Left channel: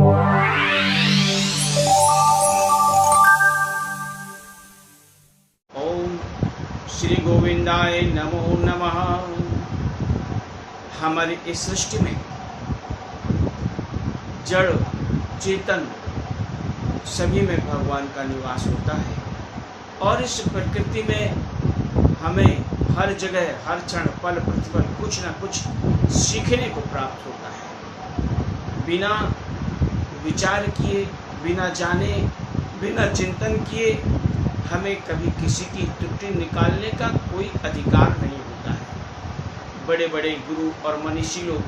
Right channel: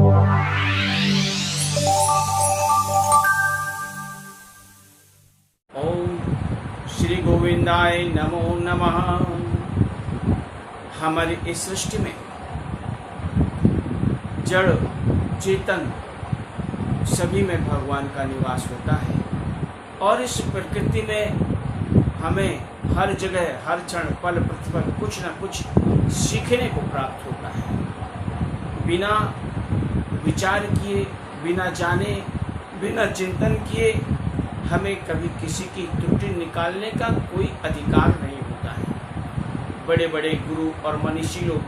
ओम श्री गोविंदाय नमो नमः। हमारी इस सृष्टि में जड़ चेतन सभी में भगवान का निवास होता है और इस प्रकृति में हमें हर जगह हर क्षण पल प्रतिपल कुछ न कुछ सीखने को प्राप्त होता है। बिना विचार किए, बिना जाने, बिना चिंतन किए हमें कभी किसी की त्रुटि निकालने का कोई अधिकार नहीं होता है। बड़े बड़े गुरु और मनीषी लोग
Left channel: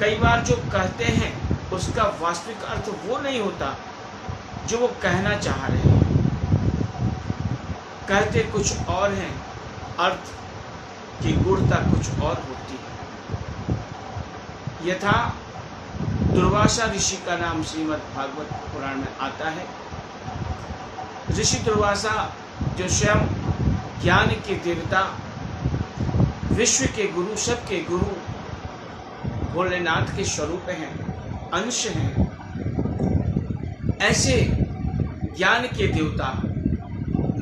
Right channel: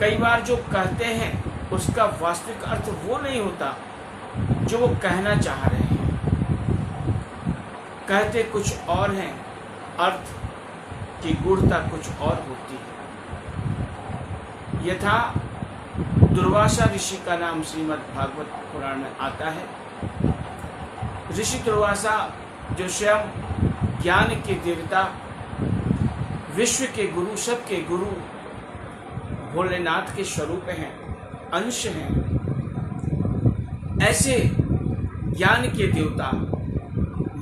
कई बार जो कहते हैं उसका वास्तविक अर्थ वो नहीं होता जो वो कहना चाह रहे हैं। कहते कुछ और हैं, अर्थ की गूढ़ता कुछ और होती है। यथा दुर्वासा ऋषि का नाम श्रीमद् भागवत पुराण में आता है। ऋषि दुर्वासा जो स्वयं ज्ञान के देवता, विश्व के गुरु, सबके गुरु, भोलेनाथ के स्वरूप हैं, अंश हैं, ऐसे ज्ञान के देवता,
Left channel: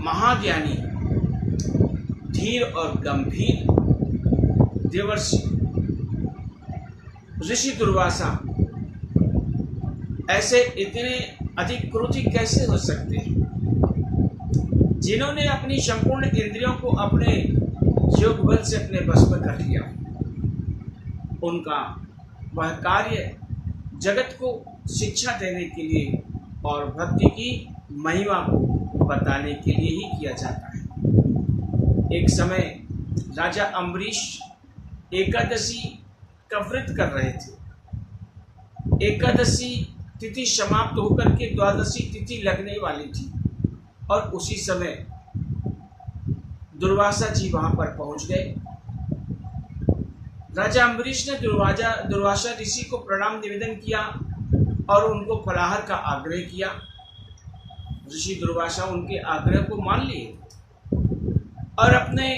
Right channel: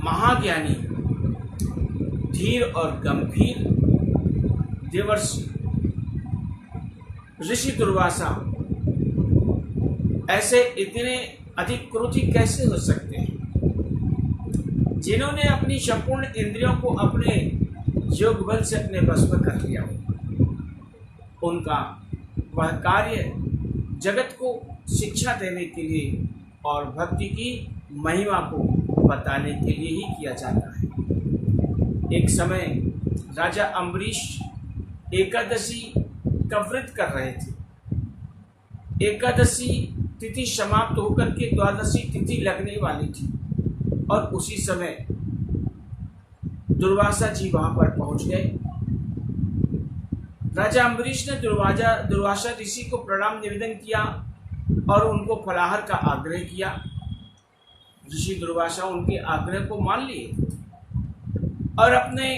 महाज्ञानी, धीर और गंभीर देवर्षि ऋषि दुर्वासा ऐसे इतने अधिक क्रोधी कैसे हो सकते हैं, जिन्होंने अपनी संपूर्ण इंद्रियों को अपने योग बल से अपने बस में कर लिया। उनका वह कार्य जगत को शिक्षा देने के लिए और भक्ति की महिमा को बताने के लिए ही किया जाता है। एक समय राजा अम्बरीश एकादशी का व्रत कर रहे थे। एकादशी तिथि समाप्त होकर के द्वादशी तिथि लगने वाली थी और उसी समय दुर्वासा जी वहां पर पहुंच गए। राजा अम्बरीश ने दुर्वासा ऋषि को प्रणाम निवेदन किया और उनको फलाहार का आग्रह किया। ऋषि दुर्वासा उनके आग्रह को मान लिए और अपने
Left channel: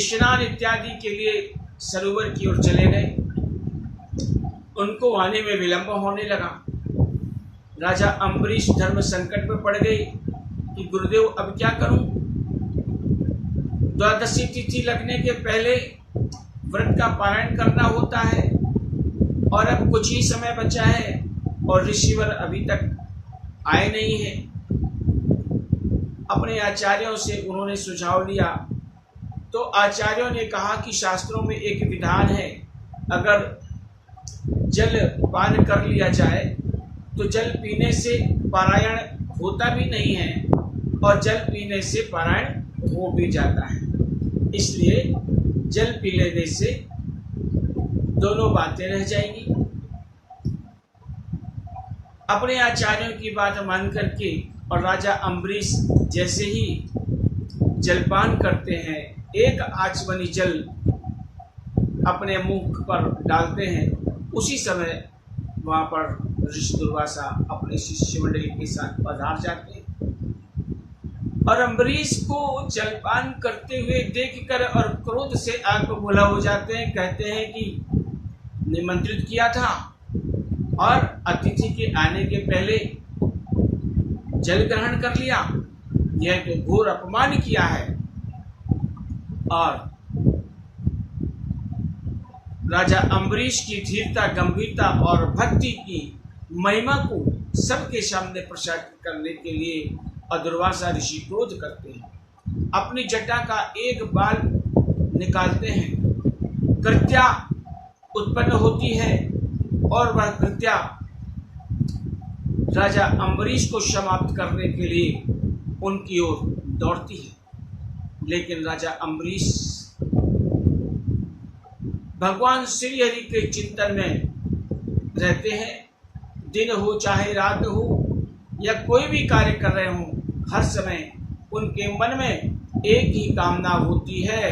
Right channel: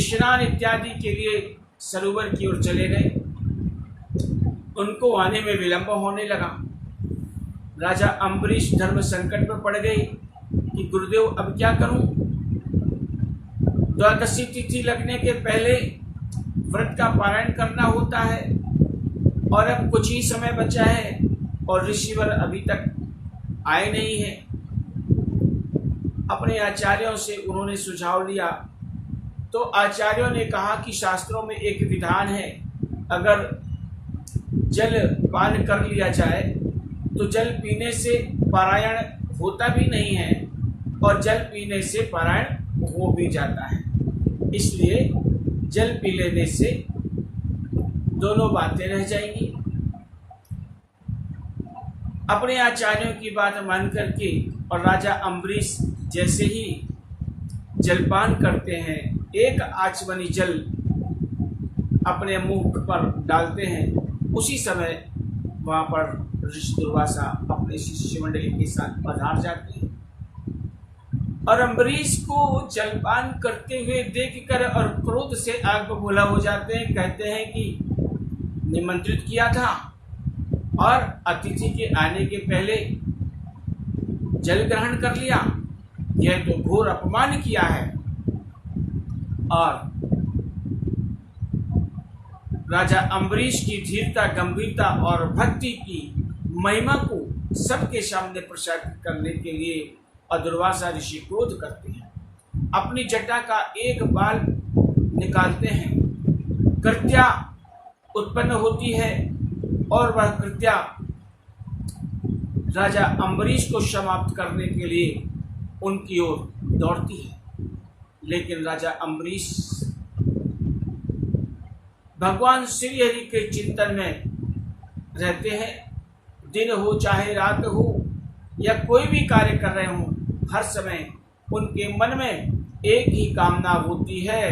स्नान इत्यादि के लिए सरोवर की ओर चले गए। उनको आने में विलंब होने लगा। राजा अम्बरीश धर्म संकट में पड़ गए कि गुरुदेव अब क्या करूं। द्वादशी तिथि लगने के पहले व्रत का पारायण करना होता है और अब कुछ ही समय बचा है और ऋषिवर अभी तक आए नहीं हैं। अपने आचार्यों से उन्होंने सुझाव लिया तो आचार्यों ने कहा कि शास्त्रों में एक विधान है, अगर जल पान कर लिया जाए तो जल पीने से पारायण होता भी नहीं है और जल पीने से पारायण हो भी जाता है। इसलिए जल पी लेने से दोनों बातें रह जाएंगी। अपने आचार्यों की बात मान करके और राजा अम्बरीश जैसे ही जलपान करते हैं, एक आचमनी जल अपने मुख पर डालते हैं, उसी समय वहां पर ऋषि दुर्वासा अपने शिष्य मंडली के साथ पधार जाते हैं और अम्बरीश को जलपान करते हुए देखकर और क्रोध से आग बबूला हो जाते हैं। कहते हैं कि निमंत्रित किया था और अतिथि के आने के पहले जल ग्रहण कर लिया, यह तो घोर अपमान किया है। और राजा अम्बरीश की धीरता, गंभीरता और भक्ति की महिमा को सबके सामने प्रसारित करने के लिए दुर्वासा ऋषि क्रोध करते हैं। अपनी जटा का एक बाल निकालते हैं, कृत्या उत्पन्न होती है और वह कृत्या राजा अम्बरीश को समाप्त करने के लिए उनकी ओर दौड़ती है। लेकिन राजा अम्बरीश भगवान श्री हरि के चिंतन में रहते हैं। दिन हो चाहे रात हो या कोई भी कार्य कर रहे हों, हर समय उनके मन में एक ही कामना होती है,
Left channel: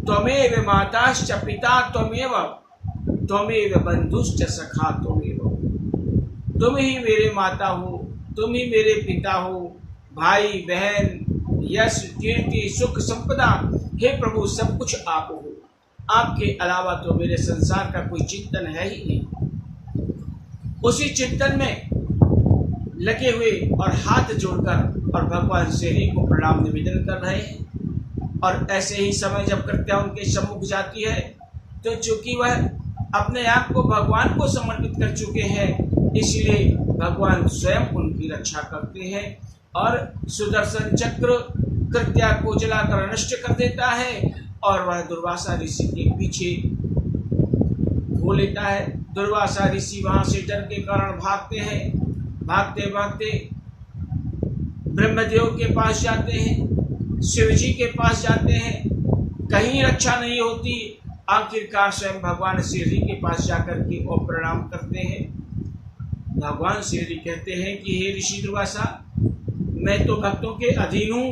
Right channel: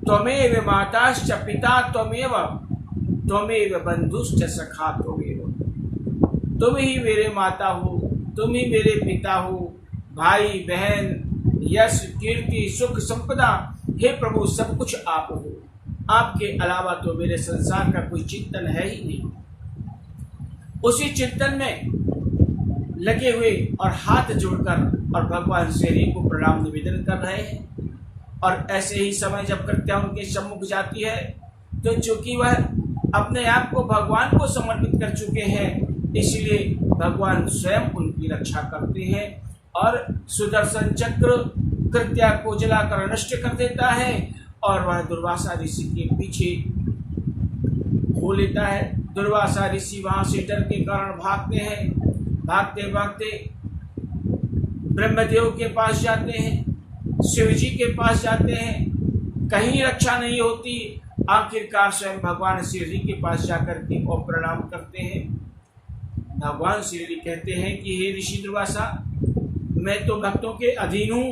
त्वमेव माताश्च पिता त्वमेव, त्वमेव बंधुश्च सखा त्वमेव। तुम ही मेरे माता हो, तुम ही मेरे पिता हो, भाई बहन, यश कीर्ति सुख संपदा, हे प्रभु सब कुछ आप हो। आपके अलावा तो मेरे संसार का कोई चिंतन है ही नहीं। उसी चिंतन में लगे हुए और हाथ जोड़कर और भगवान श्री को प्रणाम निवेदन कर रहे हैं। और ऐसे ही समय जब कृत्या उनके सम्मुख जाती है तो चूंकि वह अपने आप को भगवान को समर्पित कर चुके हैं, इसलिए भगवान स्वयं उनकी रक्षा करते हैं और सुदर्शन चक्र कृत्या को जलाकर नष्ट कर देता है और वह दुर्वासा ऋषि के पीछे हो लेता है। दुर्वासा ऋषि वहां से डर के कारण भागते हैं। भागते भागते ब्रह्मदेव के पास जाते हैं, शिव जी के पास जाते हैं, कहीं रक्षा नहीं होती। आखिरकार स्वयं भगवान श्री के पास जाकर के और प्रणाम करते हैं। भगवान श्री कहते हैं कि हे ऋषि दुर्वासा, मैं तो भक्तों के अधीन हूँ,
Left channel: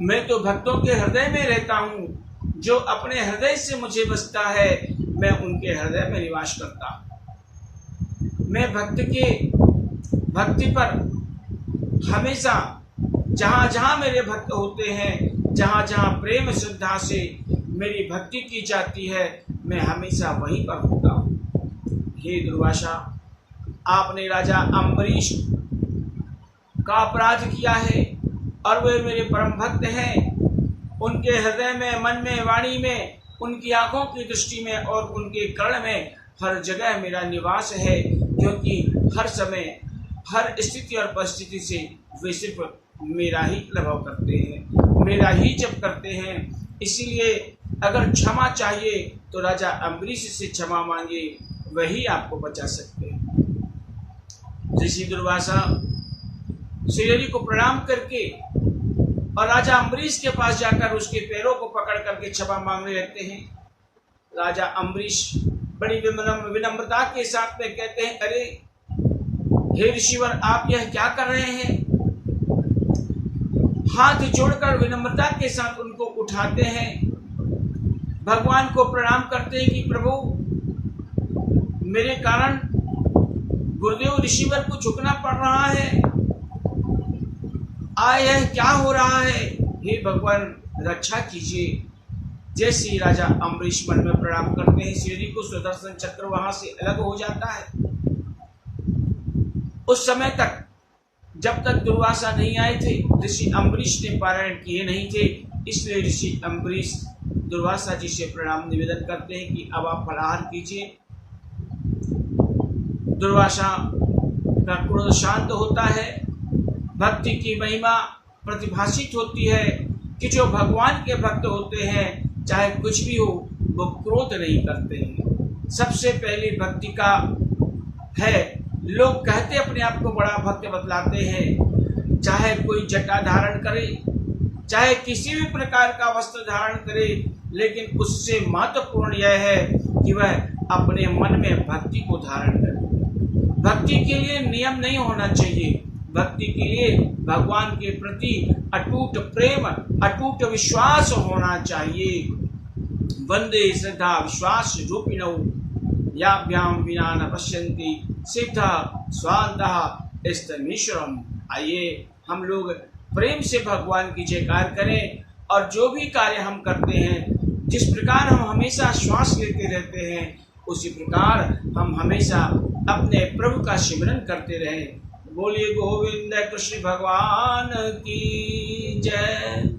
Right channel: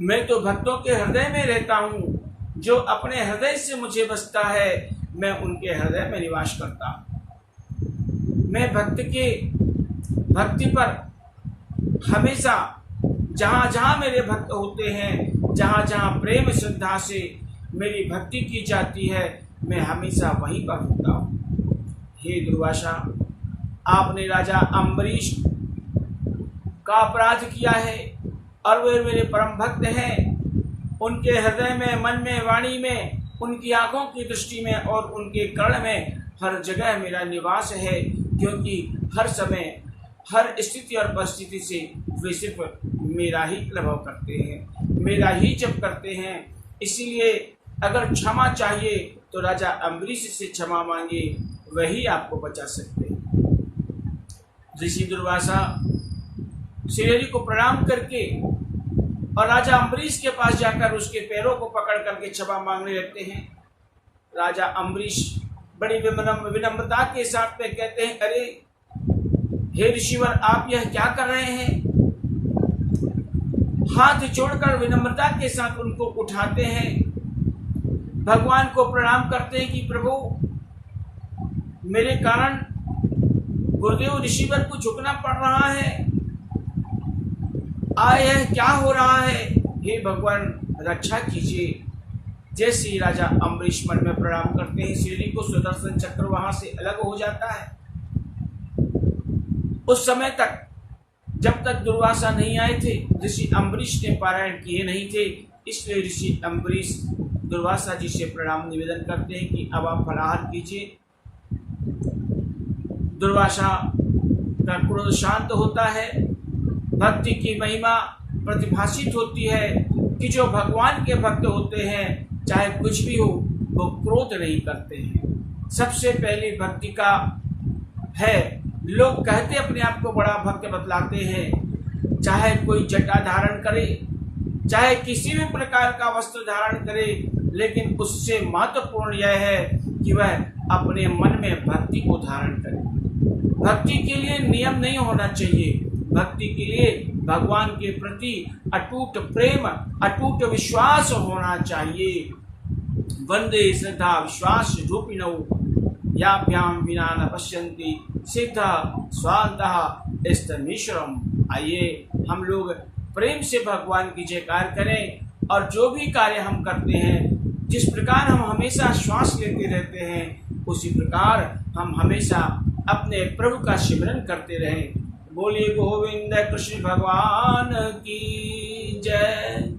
मैं तो भक्तों के हृदय में रहता हूँ। जो अपने हृदय से मुझे बसता है मैं उनके हृदय में निवास करता हूँ। मैं भक्ति पर हमेशा जहाँ जहाँ मेरे भक्त होते हैं, जहाँ जहाँ प्रेम श्रद्धा से मेरी भक्ति की जाती है, मैं हमेशा वहीं पर होता हूँ। हे दुर्वासा, आपने राजा अम्बरीश का अपराध किया है और वे मेरे परम भक्त हैं। उनके हृदय में, मन में, वाणी में, उनकी आंखों की दृष्टि में और उनके कर्ण में हर जगह मेरा निवास है, क्योंकि हर समय, हर स्थिति और परिस्थिति से वे सिर्फ मेरा ही प्रभाव करते हैं, मेरा ही जप करते हैं। इसीलिए अगर क्षमा चाहिए तो राजा अम्बरीश से क्षमा मांगे, वही आपको बचा सकते हैं। ऋषि दुर्वासा श्री को प्रणाम करके और राजा अम्बरीश के पास जाकर उसके पैरों को पकड़ करके क्षमा मांगने लगते हैं। राजा अम्बरीश बड़ी विनम्रता के साथ में कहते हैं, अरे हे ऋषिवर, आप यह क्या कर रहे हैं? हाथ जोड़कर विनम्रता के साथ उनको उठाते हैं, भगवान को प्रणाम करते हैं कि प्रभु, मेरे कारण गुरुदेव ऋषिवर को झुकना पड़ रहा है, यह क्या हो रहा है? हे भगवान, रक्षा कीजिए। जैसे ही राजा अम्बरीश मन में प्रणाम करते हैं, श्री को सुदर्शन चक्र वहां से अलग हो जाता है। उस समय तक, जब तक दुर्वासा नहीं आए थे, ऋषि अम्बरीश ने पारायण किए नहीं थे, इसलिए ऋषि अम्बरीश दुर्वासा जी से प्रणाम निवेदन करते हैं कि अब आप फलाहार कीजिए। दुर्वासा का क्रोध शांत होता है, भक्ति की महिमा प्रतिभाषित होती है कि जो भगवान के भक्त होते हैं, चाहे कुछ भी हो, वो क्रोध नहीं करते हैं। सबसे पहली भक्ति का है, लोग कहते अपने आप को बड़ा भक्त बतलाते हैं, चाहे कोई जटा धारण करे, चाहे किसी भी प्रकार का वस्त्र धारण करे, लेकिन उससे महत्वपूर्ण यह है कि वह अपने मन में भक्ति को धारण करे। भक्ति के लिए नियम नहीं होना चाहिए, भक्ति के लिए भगवान के प्रति अटूट प्रेम, अटूट विश्वास होना चाहिए। वंदे श्रद्धा विश्वास रूपिणौ याभ्याम विना न पश्यन्ति सिद्धा स्वान्तः स्तमीश्वरम। आइए हम लोग प्रेम से भगवान की जयकार करें और जो भी कार्य हम करते हैं, जिस प्रकार हम हमेशा श्वास लेते रहते हैं, उसी प्रकार हम हमेशा अपने प्रभु का सिमरन करते रहें। बोलिए गोविंद कृष्ण भगवान की जय।